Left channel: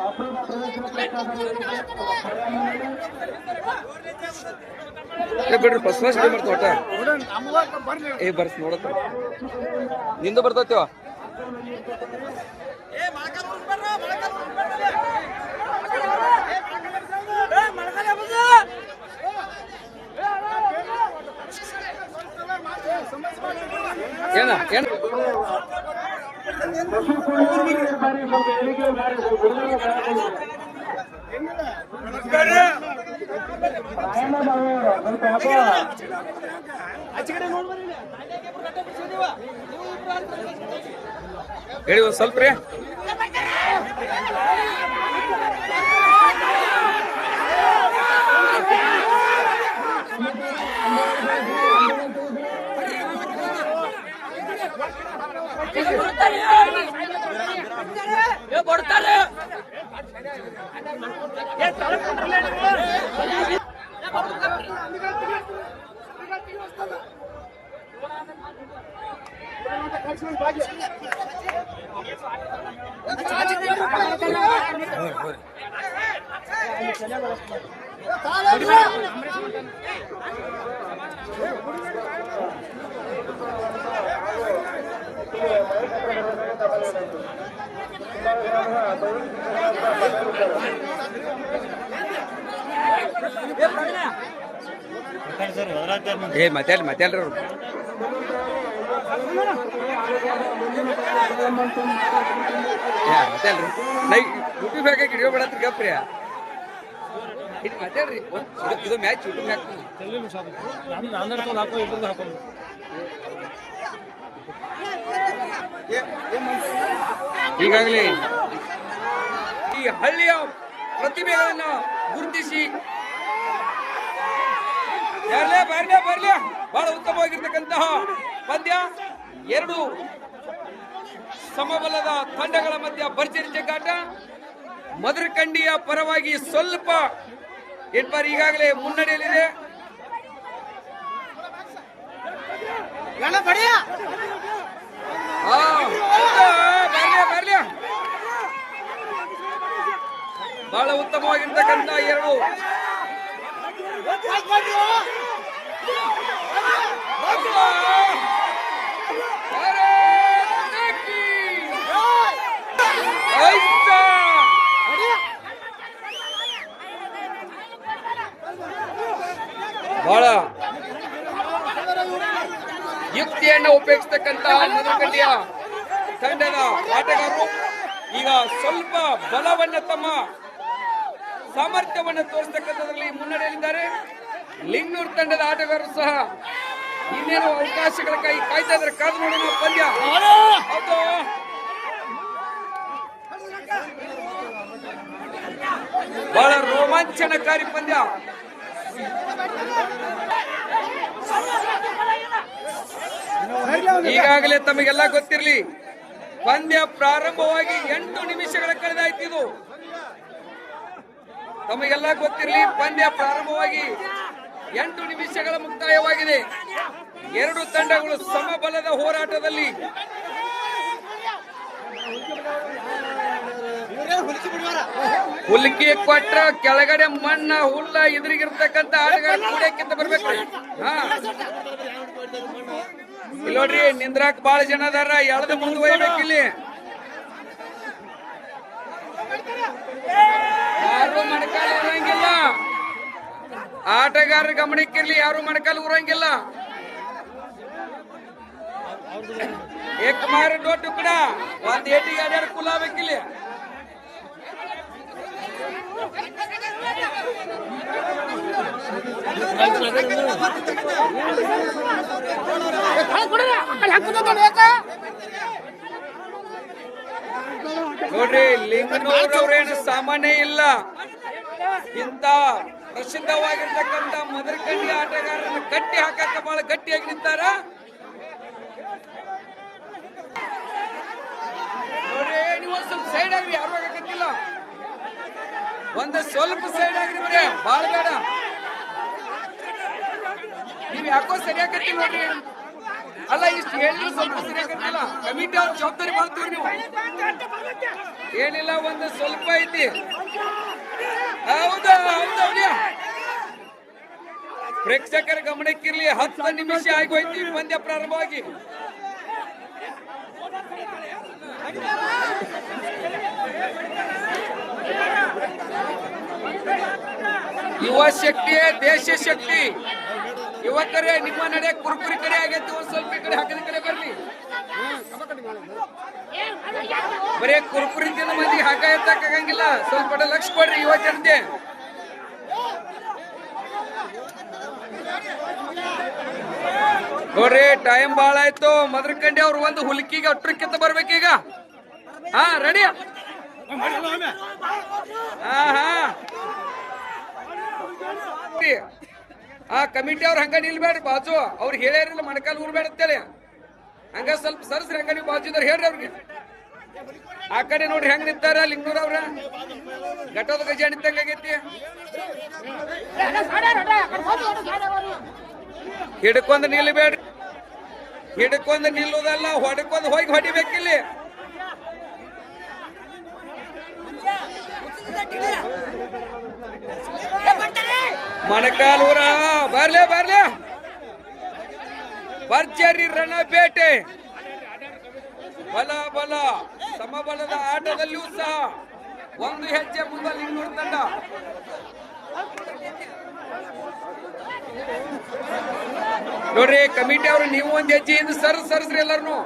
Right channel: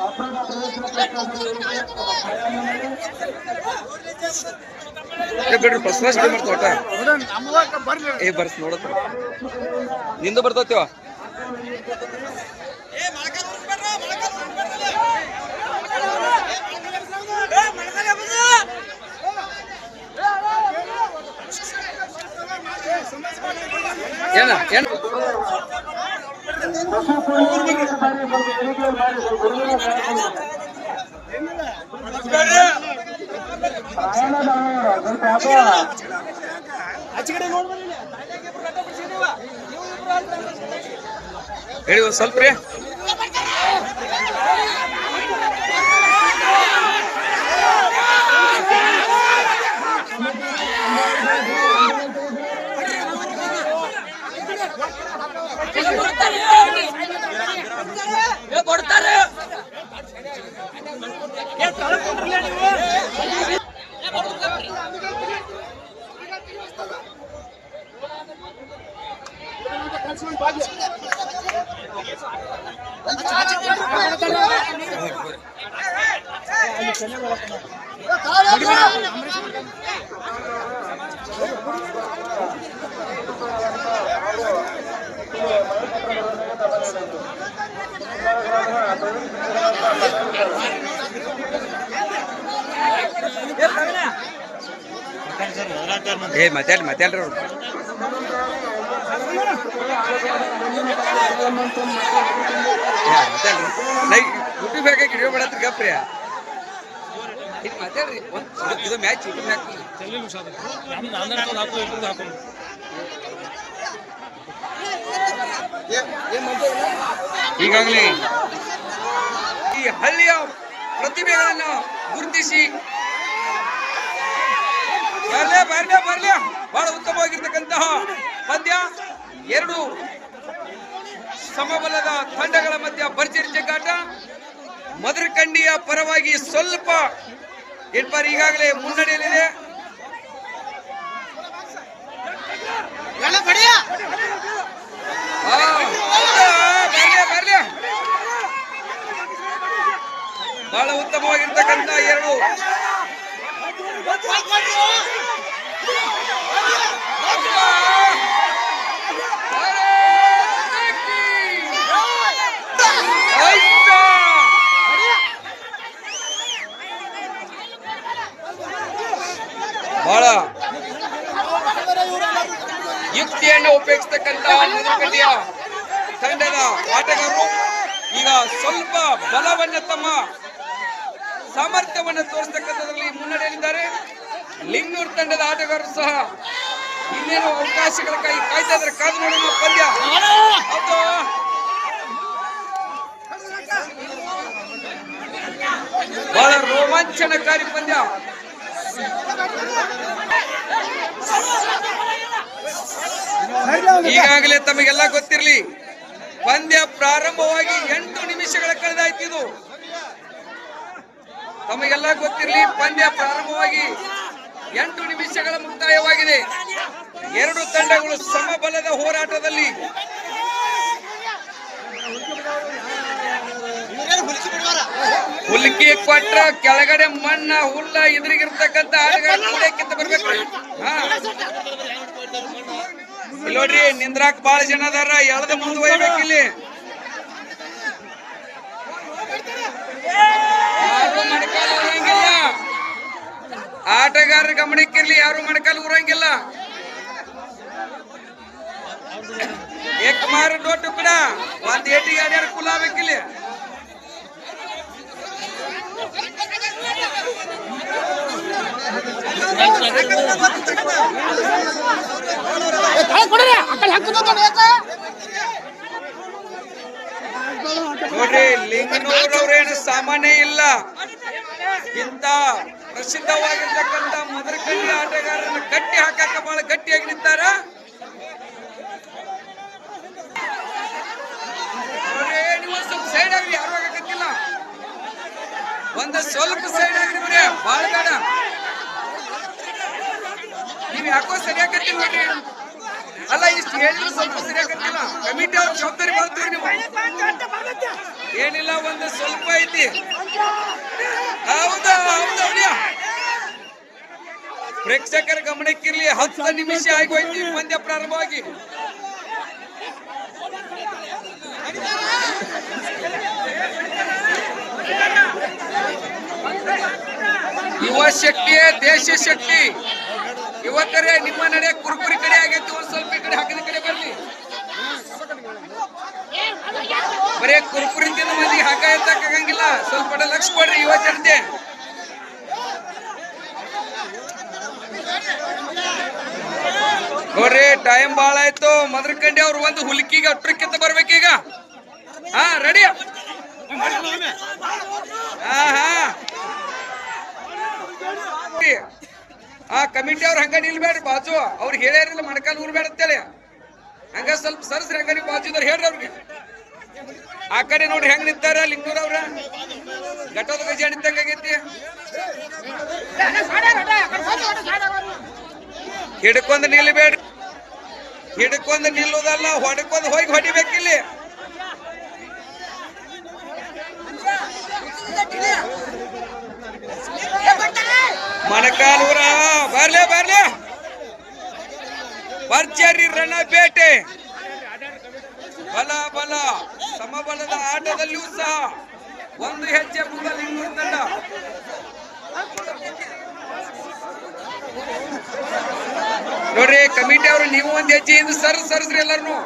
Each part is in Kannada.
ಅಪೂರ್ವ ಏ ಬಿಡ್ರಿ ಏ ಬರ್ಸ್ ನೋಡತ್ತ. ನಿಂದು ಬರ್ತೈತಿವ ಏನ ಏನ? ಹೇಳಿ ಸ್ವಲ್ಪ ರೀ. Thank. ಏ ಮಾತಾಡಿ ಮಾತಾಡ್ರಿ ಅವ್ರು ಏ, ಮಾತಾಡ್ರಿ ಹಿಡಿಯೋ ಬಿಡತ್ರಿ ಗಪ್ರಿ ಮ್ಯಾಚ್ ಮ್ಯಾಚ್ ಈಗಾಗಲೇ ಈ ಹಳ್ಳಿಯ ಪ್ರತಿಭೆಗಳನ್ನು ಗುರುತಿಸಿ. ಬರ್ಲೆ ಬರ್ಲೆ ಬರ್ಲೆ. ಬಹಳ ಉತ್ತಮವಾಗಿರ್ತಕ್ಕಂತಹ ಪಂದ್ಯ. ಎರಡು ಸಮಬಲದ ತಂಡಗಳ ಮಧ್ಯ ಭರ್ಜರಿ ಜಗ್ಗಾಟ ಮಧುರಕಂಡಿಯ ಪರವಾಗಿ ಸ್ವಲ್ಪ ಏನ್ಪಾರ್ ಈಗಾಗಲೇ ಮುನ್ನಡೆಯಲ್ಲಿದೆ. ಆ, ಹೌದಾ? ಬರ್ಲೆ ಬರ್ಲೆ ಬಹಳ ಉತ್ತಮವಾಗಿರ್ತಕ್ಕಂಥ ಎರಡು. ಬಹಳ ಯುಕ್ತಿಯನ್ನು ಉಪಯೋಗಿಸ್ತಕ್ಕಂತಹ ಮಧುಕಟ್ಟಿಯ ತಂಡದ ಆಟಗಾರರು. ಈಗ ಸ್ವಲ್ಪ ಬಲವನ್ನ ತಮ್ಮ ಸಾಮರ್ಥ್ಯವನ್ನು ತೋರಿಸ್ತಕ್ಕಂಥದ್ರಲ್ಲಿ ಮುನ್ನಡೆಯಲ್ಲಿದ್ದಾರೆ. ಲಿಂಗನೂರು ತಂಡದ ಆಟಗಾರರು ಸಹ ಇನ್ನೇನು ಅವಕಾಶಗಳ ಕೈ ಕಾಯ್ತಾ ಇದ್ರೆ ಕಾದು ನೋಡೋಣ, ಪಂದ್ಯ. ಹೌದು. ಬಹಳ ರೋಮಾಂಚನಕಾರಿ ಪಂದ್ಯ. ಈಗಾಗಲೇ ತಮಗೆಲ್ಲ ಗೊತ್ತಿರಲಿ, ಪಂದ್ಯ ಪ್ರಾರಂಭವಾಗಿ ಎಂಟು ನಿಮಿಷಗಳ ಕಳೆದಾಯ್ತಿದು ತಮಗೆಲ್ಲ ಗೊತ್ತಿರಲಿ, ಪಂದ್ಯ ಪ್ರಾರಂಭವಾಗಿ ಎಂಟು ನಿಮಿಷಗಳ ಮುಕ್ತಾಯವಾಗಿದೆ. ಎರಡು ತಂಡಗಳು ಸಮಬಲದ ಹೋರಾಟದಲ್ಲಿ ಹುಲ್ಕಿ ಕೊಟ್ರ ಕೆಳಗಡೆ ಮಣ್ಣ, ಹುಲ್ಲ ಎದುರಿಗಿರ್ತಕ್ಕಂತ ಆಟಗಾರಕ್ಕಿಂತ ಬರ್ಬೇಕು. ನೋಡ್ರಿ, ನಿಂದ್ರಾಕ್ ಬಾಳ ಜನ ಅದಾರ, ಎಳದ ಮುಂದೆ ಒಯ್ಬೇಕಿಲ್ಲಿ ಯಾರು ಮೊಣಕಾಲು ಊರಂಗಿಲ್ಲ ಆಟಗಾರರ ಗಮನಕ್ಕಿರ್ಲಿ ಯಾರು ಮಣಕಾಲು ಊರಂಗಿಲ್ಲ ಏಕ್ ಮಾರ ಡೋಟು ಕೂಡ ಒಂದ್ ಏಟಿಗೆ ಅಡ್ಯಾರ ಕುಲ ಆಗ್ಬೇಕಿಲ್ಲಿ ನೋಡ್ರಿ, ಲಿಂಗನೂರವ್ರೇನು ಸಾಮಾನ್ಯ ಇಲ್ಲ. ಇಂತ ಪ್ರಸಿದ್ಧವಾಗಿರ್ತಕ್ಕಂಥ ಮದರಕಳ್ಳಿ ಆಟಗಾರರನ್ನ ಗಟ್ಟಿ ಹಾಕಕ್ಕ ಬಹಳ ಗಟ್ಟಿಯಾಗಿ ನಿಂತಾರ. ಸೈಡ್ ಆಗ್ರಿ, ಯಾರು ಆಗಕ್ಕಿಲ್ಲ ಒಂದು ಸ್ವಲ್ಪ ಸೈಡ್ ಆಗಿದ್ರೆ ಬಾಳ ಬೇಡ. ನೀವ್ ಯಾಕೋ ಸರಿಯಾಗತ್ತಿಲ್ಲ ನೋಡ್ರಿ. ಅಲ್ಲ ಇಷ್ಟು ಹೇಳಿದ್ರು ಸ್ವಲ್ಪ ಸರಿಯಾಗತ್ತಿಲ್ಲ ಕಮಿಟಿ ಅವ್ರ ಜವಾಬ್ದಾರಿ ಮಾಡ್ತೀವಿ ನೀವು ಏನಿಲ್ಲ ಒಂದು ಸ್ವಲ್ಪ ಐತಿ ಹೌದಾ ಹೌದಾ ಹುಡುಗ? ಪ್ರೇಕ್ಷಕರ ಗಮನಕ್ಕಿರ್ಲಿ ಹತ್ತು ನಿಮಿಷ ಆಗೋಯ್ತು ಪಂದ್ಯ ಪ್ರಾರಂಭವಾಗಿ ಯುವ ಶಕ್ತಿ ದೇಶ ಶಕ್ತಿ ಯುವಕರೇ, ನಿಮ್ಮ ನಡೆ ಕುರುಕುರಿ ಕಡೆ ಆಗೈತಿ, ಒಂದ್ ಸ್ವಲ್ಪ ಈ ಕಡೆ ಹಾಕಿದ ಕಡೆ ಬರ್ಲಿ ಬರೇ ಕುರುಕುರಿ ತಿಂದ ಮಂದಿ ಹಾಕ ಆಗಂಗಿಲ್ಲ ಸ್ವಲ್ಪ ಲಕ್ಷ ಕೊಡ್ರಿ ಯುವ ಜನತೆ. ನೋಡ್ರಿ ಟೈಮ್ ಬಾಳ ಆಯ್ತು. ಮದ್ರಕಂಡಿ ಅವ್ರು ಒಂದು ಹುಲ್ಕಿಗೆ ಅಟ್ರಕ್ಕಿಂತ ಬರ್ಬೇಕೀಗ. ಹಾ ರೆಡಿ ಹಾ ಹಾ. ಆ ಕಮಿಟಿ ಅವ್ರು ಹಂಗ ನಿಲ್ಬೇಡ್ರಿ ಬಾಜು. ಅವ್ರು ಹೇಳ್ಯಾರಿಲ್ಲ ಮಣಕಾಲ್ ಊರ್ಬೇಡ ಅಂತೇಳಿ ಹಂಗ ಸ್ವಲ್ಪ ಸರ್ಸ್ರಿ, ಹಂಗ ನೀವು ಬಾಜು ಹೇಳ್ರಿ ಅವ್ರಿಗೆ. ಆ ಕಡೆ ನೋಡ್ರಿ ಹೆಂಗ್ ನಿಂತಾರ ಲಿಂಗೂರ್ ಅವ್ರ. ಘಟೋದ ಗಜ ನಿಂತಂಗ ಆಗೈತಿ. ಹಿಡ್ಕೊಂಡ್ ನಿಲ್ಬೇಡ್ರಿ. ಹಿಡ್ಕೊಂಡ್ ನಿಲ್ಲೋದಲ್ಲ, ಹೊಡ್ಕೊಂಡ್ ಹೋಗಿ ಹೊಡಿಬೇಕಿಲ್ಲಿ. ಮಣಕಾಲೂರ ಬರ್ಲೆ ಬರ್ಲೆ. ಭರ್ಜರಿ ರಣ ಬೇಟೆ ಬಲ ಬಲ. ಸಮಬಲದ ಆಟದಲ್ಲಿಯೂ ಸಹ ಒಂದು ಹೆಜ್ಜೆ ಮುಂದಲ್ಲಿ ಇನ್ನೂರು ತಂಡ. ನೋಡ್ರಿ, ಕಮಿಟಿ ಅವರು, ನೀವು ಒಂದು ಹೆಜ್ಜೆ ಇಂದು ಸರ್, ಸರ್ಸ್ರಿ ಎಲ್ಲರೂ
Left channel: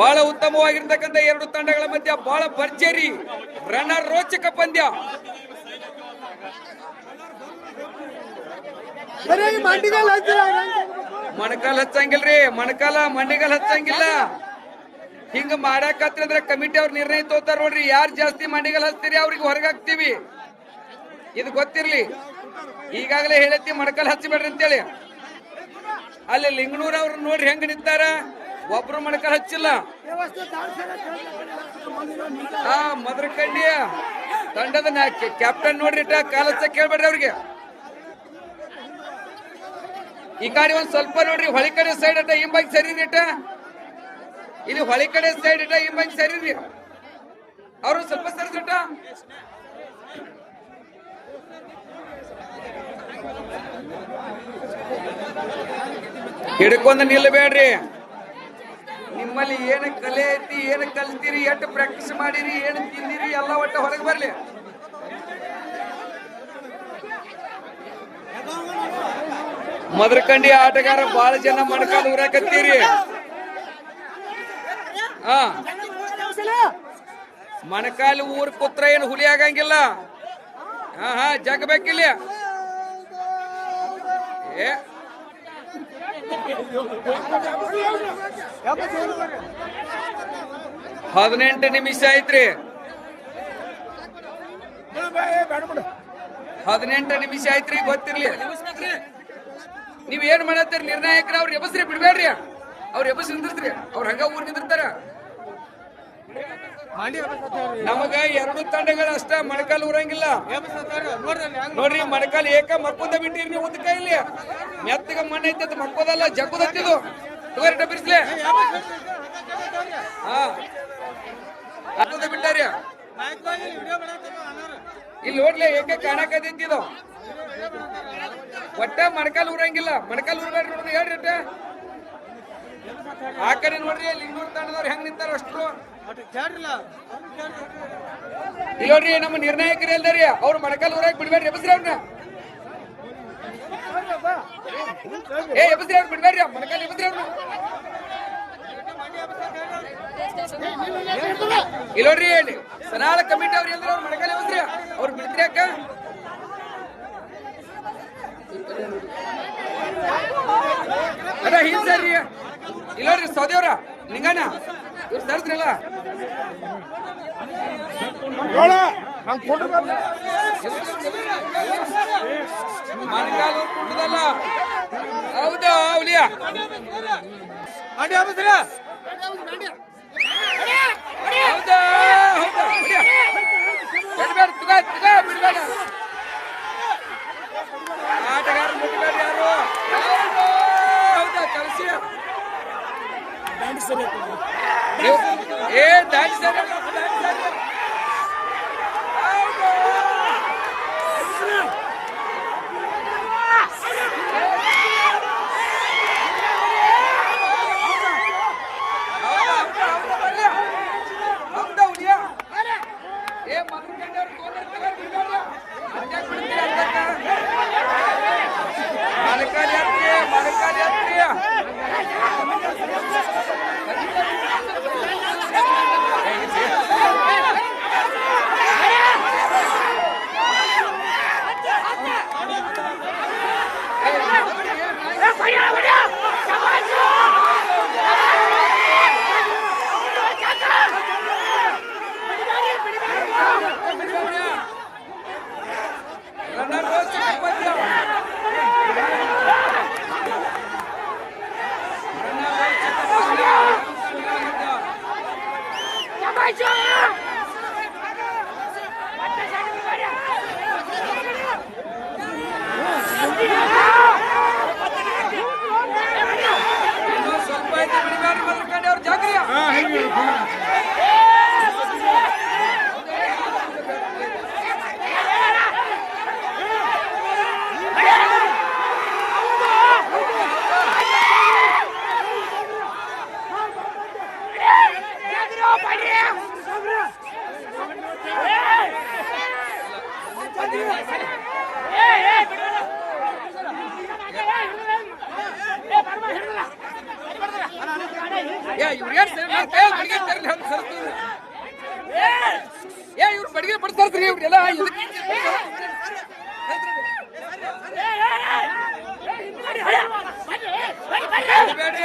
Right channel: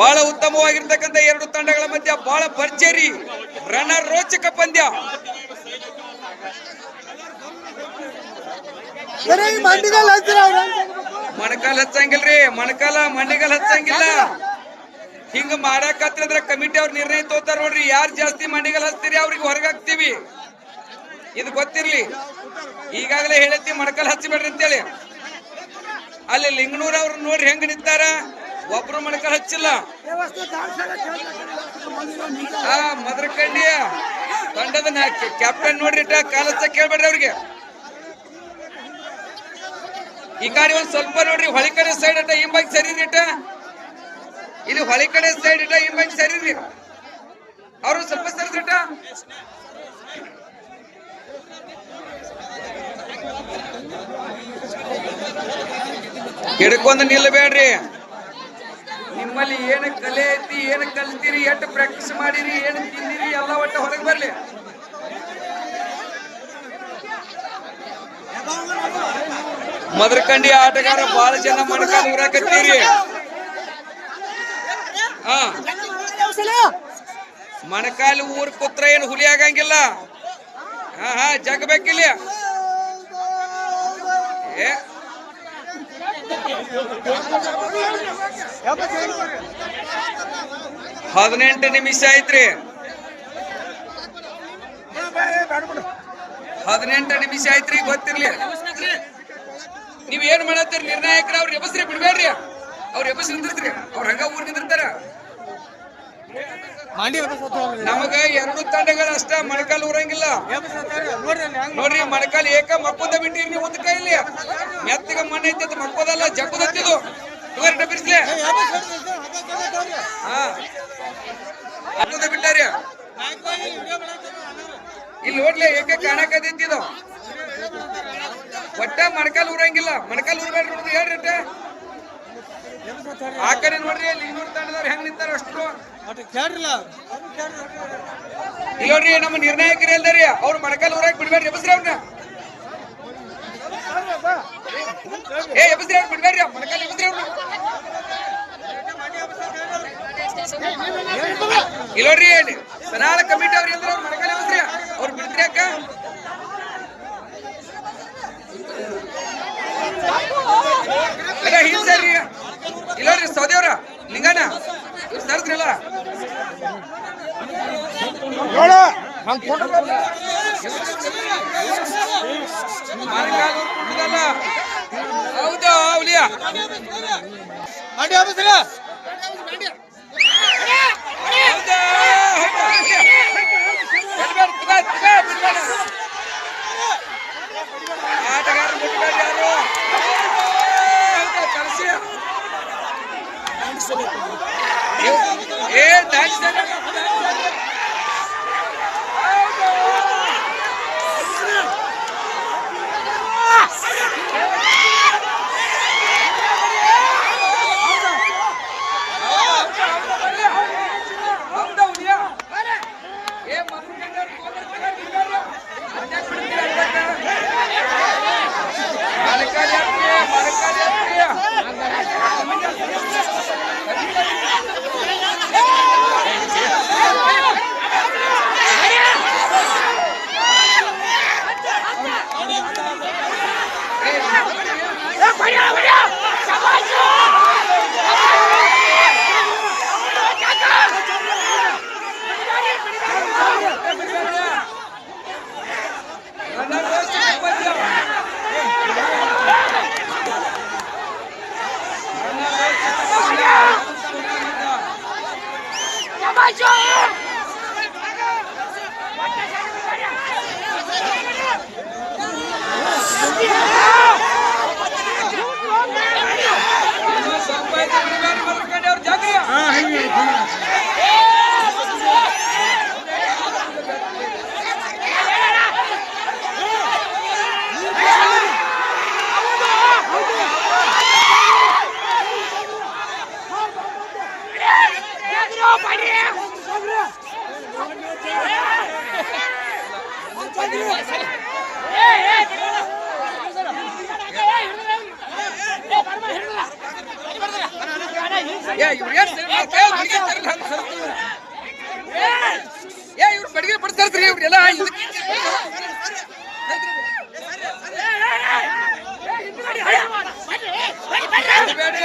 ಬಹಳ ಉತ್ತಮವಾಗಿರ್ತಕ್ಕಂಥ ಎರಡು ತಂಡಗಳ ಮಧ್ಯ ಬಹಳ ಭರ್ಜರಿ. ರಣ ರೋಚಕ ಪಂದ್ಯ ಮಣಕಾಲ್ ಹಚ್ಚಂಗಿಲ್ರಿ ಮಣಕಾಲ ಮಂಡಿಗಾಲ್ ಹಚ್ಚಂಗಿಲ್ಲ. ಹಿಂಗ ಮಾಡಾಕತ್ರ ಕಮಿಟಿ ಅವ್ರ ನಿರ್ಣಯ ತೋತಾರ ನೋಡ್ರಿ ಯಾರು ಜಾಸ್ತಿ ಮಂಡಿಗಾಲ್ ಹಚ್ತೀರಿ ಅವ್ರಿಗೆ ಹೊರಗೆ ಹಾಕ್ತಿವಿ. ಇದು ಗೊತ್ತಿರ್ಲಿ. ಈಗಾಗಲೇ ಹೇಳತ್ತಿ ಮಣಕಾಲ್ ಹಚ್ಚಬೇಡ್ರಿ ಅಂತೇಳಿ. ಅಲ್ಲಿ ಲಿಂಗನೂರ್ ಅವ್ರು ನೋಡ್ರಿ ಹೆಂಗ್ ನಿಂತಾರ. ಒಬ್ರು ಮಣಕಲ್ ಹಚ್ಚಿಲ್ಲ. ಮದ್ರಕಂಡಿಯ ತಂಡದ ಕ್ಯಾಪ್ಟನ್ ನೋಡ್ರಿ, ಇಟ್ಟ ಕಾಲ್ ಹಚ್ಚ ಕೇಳ್ಬೇಡ್ರಿ ಅವ್ರಿಗೆ. ಈ ಕಡೆ ಒಂದ್ ಸ್ವಲ್ಪ ನೋಡ್ರಿ, ಹೊಳಿ ಕಡೆ ಸೈಡ್ ಇಟ್ಟ, ಹಿಂಬಾಗಿ ಸರಿ ಇಟ್ಟ. ಇಲ್ಲಿ ಹೊಳಿ ಕಡೆ ಸೈಡ್ ಇಟ್ಟ, ಹಿಂಬಾಗಿ ಸರಿ ಅವರು ಅವ್ರು ಸ್ವಲ್ಪ ಸರಿದಿಟ್ಟ ಹಿಡ್ಕೊಂಡು ನಿಲ್ಲಬೇಡ್ರಿ ನಿಮ್ಮಲ್ಲಿ ಏನು ಕಲೆ ಐತಿ, ಏನು ಕಲ್ತೀರಿ, ಎಷ್ಟು ಪ್ರಾಕ್ಟೀಸ್ ಮಾಡಿರಿ, ಏನು ತಿಂದಿರಿ, ಎಲ್ಲ ಒಟ್ಟು ಹೊರಗೆ ಬರಲಿ. ಮದರ್ಕಂಡಿ ಆಟಗಾರ ಬಹಳ ಜನ ಮಣಕಾಲು ಉರಾಕತ್ತೀರಿ ಹಾ. ಮಣಕಾಲು ಊರ್ ಪುತ್ರ ಏನು ಹುಲಿ ಆಗಂಗಿಲ್ಲ? ಹಾ ಹಾ ಜಗ್ಬೇಕಿಲ್ಲ ಏ. ಹದಿನೆಂಟು ನಿಮಿಷ ಐತ್ರಿ ಹದಿನೆಂಟು ನಿಮಿಷ ಐತ್ರಿ ಗೊತ್ತಿರ್ಲಿ. ನೀವ್ ಏನ್ ಮಾಡತ್ತೀರಿ? ನಿರ್ಣಾಯಕರ ಅವ್ರ ಎಬಸ್ರಿ ಬಿಡ್ಬೇಡ್ರಿ. ಅವ್ರ ಎಬಸ್ ನಿಂದಿರ್ತ್ರಿ. ಅವ್ರ ಹಂಗ ಊರ್ ನಿಂದಿರ್ತಾರ. ನಮಗ ಎರಡು ತಂಡಗಳು ಅಷ್ಟ ಮಣಕಾಲ್ ಊರಂಗಿಲ್ಲ. ನೋಡ್ರಿ ಮಣಕಾಲ್ ಏಕ ಮಕ್ಕೊಂದ ಬಿಟ್ಟಿರಿ ನೀವು ಒಂದ್ ಕೈಲಿ. ಮೆತ್ತಗ ಮಣ್ಣ ಐತಿ ಅದು ಮಕ್ಕೋದಲ್ಲ ಜಗ್ಗುದತ್ತಿದು. ಡಬ್ಬಿರ್ಸ್ಲೆ ಹಾ. ಮಕ್ಕೊಂದ ಬಿಟ್ಟಾರಿ ಇಲ್ಲಿ ಹೋಗ್ಲಿ, ಏಕ ಕಾಣಕತ್ತಿದ್ದು ಒಟ್ಟ ಮಣಕಾಲ್ ಊರಂಗಿಲ್ಲ. ಮಣಕಾಲ್ ಊರ್ಬೇಡ್ರಿ ನೋಡ್ರಿ ಹೇಳ್ರಿ ಅಟ್ಟ. ಆ ಕಡೆ ನೋಡ್ರಿ ಇಲ್ಲಿ ಇನ್ನೂರು ತಂಡದವ್ರು ಹೆಂಗ್ ನಿಂತಾರ ಅಷ್ಟು ಇಲ್ಲಿ ನೋಡ್ರಿ, ನಮ್ಮ ನಿರ್ಣಾಯಕರು ಎಲ್ದಾರಿ ಅವ್ರು ಮಣಕಾಲ್ ಊರಾಗ ಬಿಡ್ಬೇಡ್ರಿ ಎಬಸ್ರಿ ಅವ್ರನ್ನ ಏಯ್ ಎಬ್ಬಿಸ್ರಿ ಅವ್ರು ಬಿಡ್ಬೇಡ್ರಿ ಮನಕಲ್ಲಿ ಇಲ್ಲ ಸನಾಳ ಕಮಿಟಿ ಅವ್ರು ಎಲ್ಲರ ಅವ್ರು ಮನಕಲ್ಲಿ ಎಬ್ಬಿಸ್ರಿ. ಅವ್ರು ಬಿಡ್ತೀರಿ ಅಕ್ಕ ಅದ ಹಿಂಗ್ ಸರ್ರಿ ಇಲ್ಲ ನೋಡ್ರಿ ಸೌದೇವ್ರ ಇವ್ರು ಸರ್ಸ್ರಿಲ್ಲ. ಮನಕಾಲ್ ಕುಟ್ಟದಲ್ಲ ಅವಲಿಯ ಮಂಡ್ಯ ಹಬ್ಬಿಸ್ರ ಆಟಗಾರ ಮುಟ್ಟಗಾರ ಯಾರು ಕಳಿಸಿ ಡ್ಯಾನ್ಸ್ ಏ ಡ್ಯಾನ್ಸ್ ¡Dale, calle! ಇವ್ರೇನ್ ಏ ಇವ್ರು ಬಡಿಗೆ ಬಡ್ತಾರ್ತ್ರಿ ಇವ್ರೆಲ್ಲ ಬೇಡ